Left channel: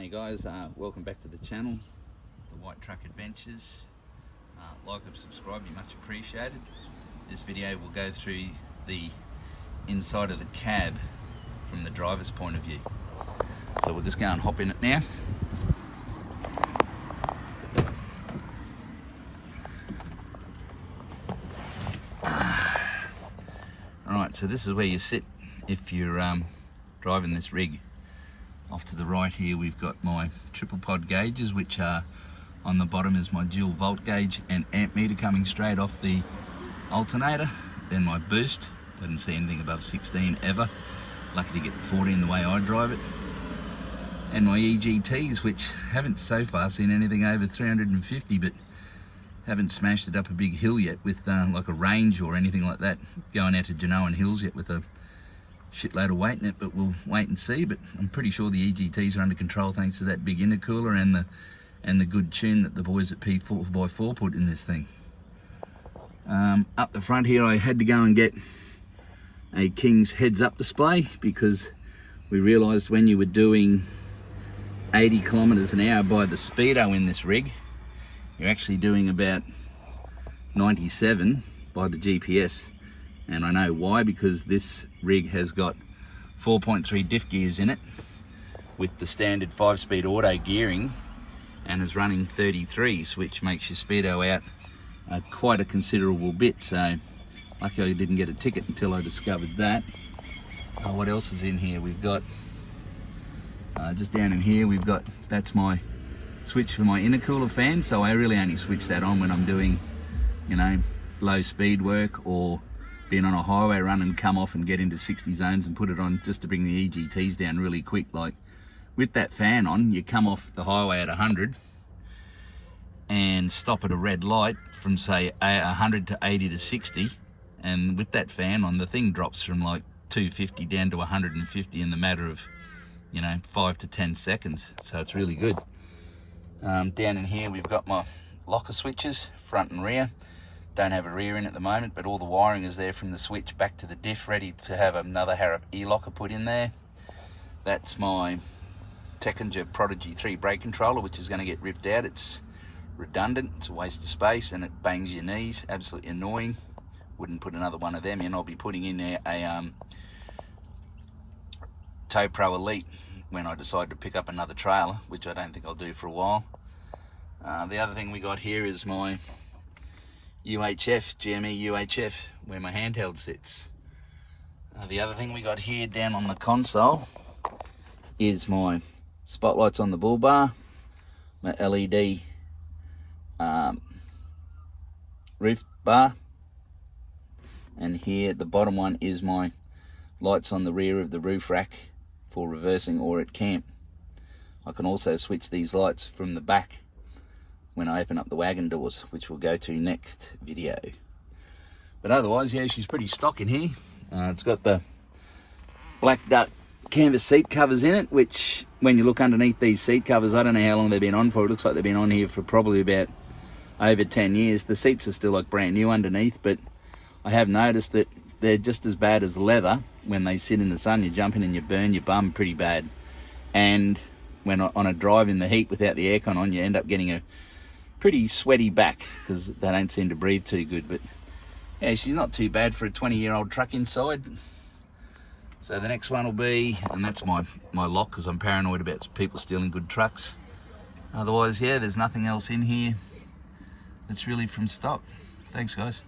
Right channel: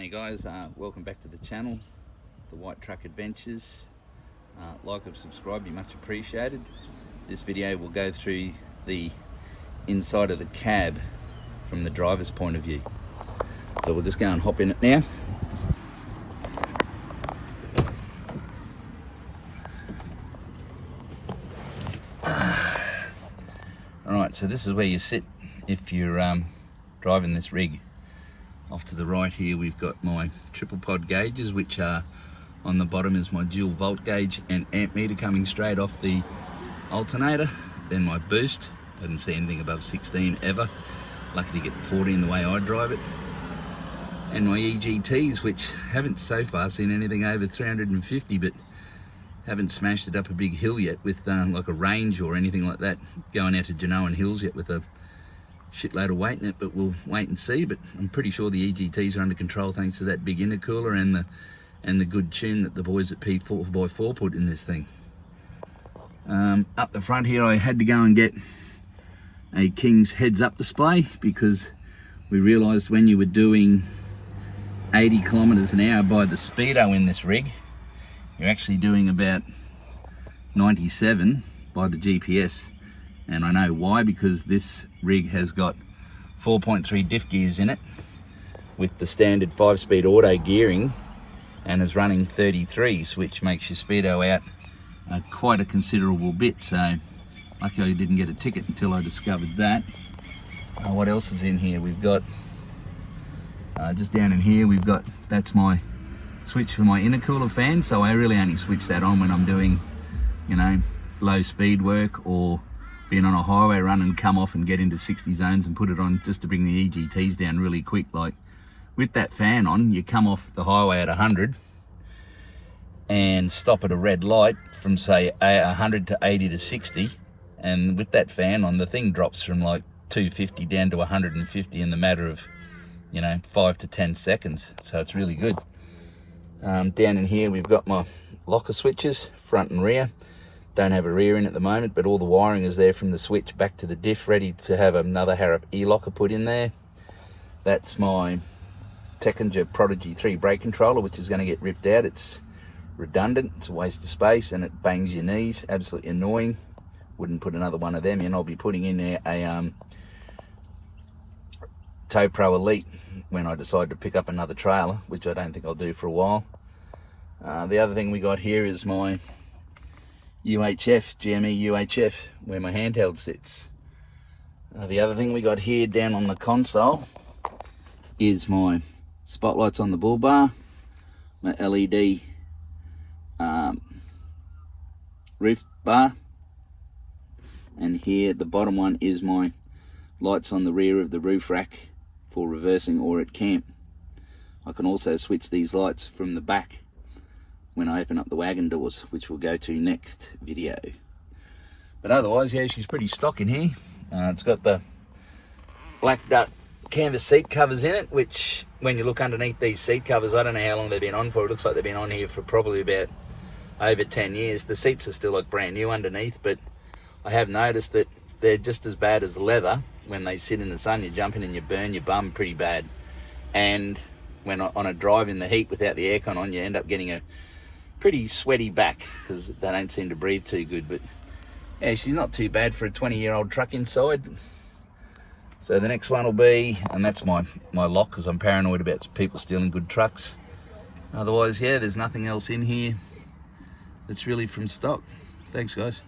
Hey guys, welcome back to the channel, The White Truck Adventures. Like and subscribe, be much appreciated. This video will go through the inside of the cab from the driver's point of view. So we'll just go and hop in it now. Alright, so this is where you sit if you're driving this rig. Off to the right here we've got my triple pod gauges, which are on the bottom is my dual volt gauge and amp meter coming straight off the alternator. Then my boost, I didn't see anything above 16 ever. Lucky to get the 14 the way I drive it. And my EGTs, which haven't so far seen anything over 350, but haven't smashed it up a big hill yet with like a range or anything like that, going out to Genoan Hills yet with a shitload of weight in it, but we'll wait and see. But I'm pretty sure the EGTs are under control thanks to that big intercooler and the good tune that the boys at P4x4 put in this thing. Up the front here I had to go and get a King's heads up display because we realised when you were doing 80 kilometers an hour by the speedo in this rig, you're actually doing about 97 by the GPS. And I know why, because this rig has got 4.3 diff gears in it with the standard 5-speed auto gearing and is running 33s, which makes your speedo out quite a considerable bit. So luckily I didn't get a ticket until I discovered that. What else is in here? We've got, just down in here, we've got, that's my switch for my intercooler fan. So I really only switch that on when I'm doing, you know, low speed work or being on a highway run and come off and get into 60 zones and put it on just to bring the EGTs down really quick. Like with that fan on, you come off the highway at 100 and stop at a red light from say 100 to 80 to 60, and with that fan on, the thing drops from like 250 down to 150 in the matter of, you know, 5 to 10 seconds. So it's really good. Down in here we've got my locker switches, front and rear. Don't have a rear in at the moment, but all the wiring is there from the switch back to the diff, ready to have another Harrop e-locker put in there. That's my Tekkinger Prodigy 3 brake controller, which is going to get ripped out. It's redundant, it's a waste of space, and it bangs your knees, absolutely annoying. Wouldn't put another one of them in. I'll be putting in there a Tow Pro Elite when I decide to pick up another trailer, which I don't think I'll do for a while. The other thing we got here is my UHF, GME UHF, where my handheld sits. The other thing we got here down on the console is my spotlights on the bull bar, my LED roof bar, and here the bottom one is my lights on the rear of the roof rack for reversing or at camp. I can also switch these lights from the back when I open up the wagon doors, which we'll go to next video. But otherwise, yeah, she's pretty stock in here. It's got the black duck canvas seat covers in it, which when you look underneath these seat covers, I don't know how long they've been on for. It looks like they've been on here for probably about over 10 years. The seats are still like brand new underneath, but I have noticed that they're just as bad as leather. When they sit in the sun, you jump in and you burn your bum pretty bad. And when on a drive in the heat without the aircon on, you end up getting a pretty sweaty back because they don't seem to breathe too good. But yeah, she's not too bad for a 20-year-old truck inside. So the next one will be, and that's my lock because I'm paranoid about people stealing good trucks. Otherwise, yeah, there's nothing else in here that's really from stock. Thanks, guys.